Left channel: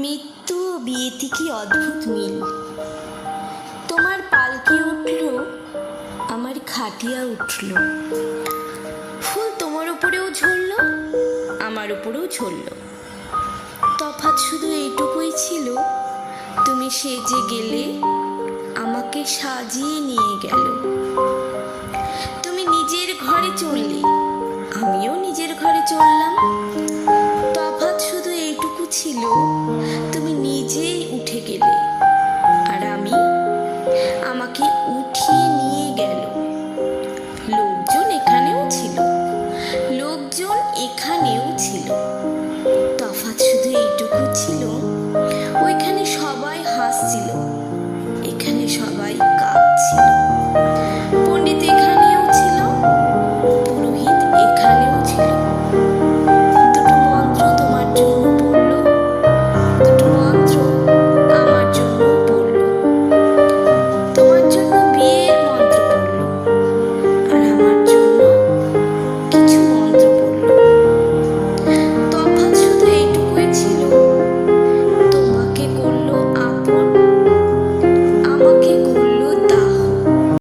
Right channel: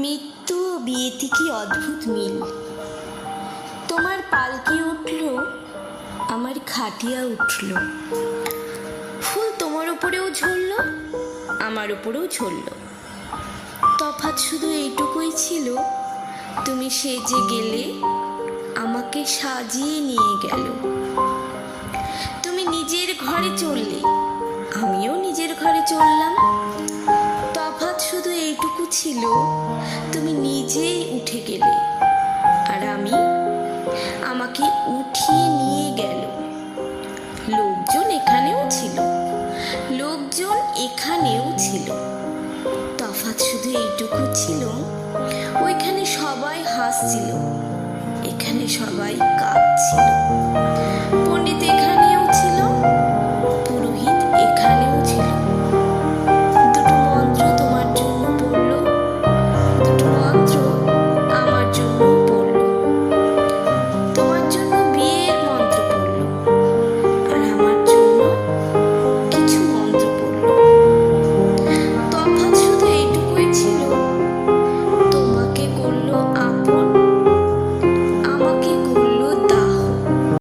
মৃত্যু ও বিয়েতে কি অদ্ভুত মিল। তোমার পালকি উঠল, আমার খাটিয়া উঠল। ফুল তোমার উপরেও ঝরল, আমার উপরেও ঝরল। তফাৎ শুধু এইটুকুই ছিল, তুমি সেজে গেলে, আমাকে সাজিয়ে নিয়ে গেল। তুমি নিজের ঘরে চললে, আমিও নিজের ঘরে চললাম। তফাৎ শুধু এইটুকু ছিল, তুমি নিজেই উঠে গেলে, আর আমি, আমাকে উঠিয়ে নিয়ে গেল। লোকজন এখানেও ছিল, লোকজন এখানেও ছিল। তফাৎ শুধু এইটুকু ছিল, ওইখানে সবাই হাসছিল, এখানে সবাই কাঁদছিল। পণ্ডিত এখানেও ছিল,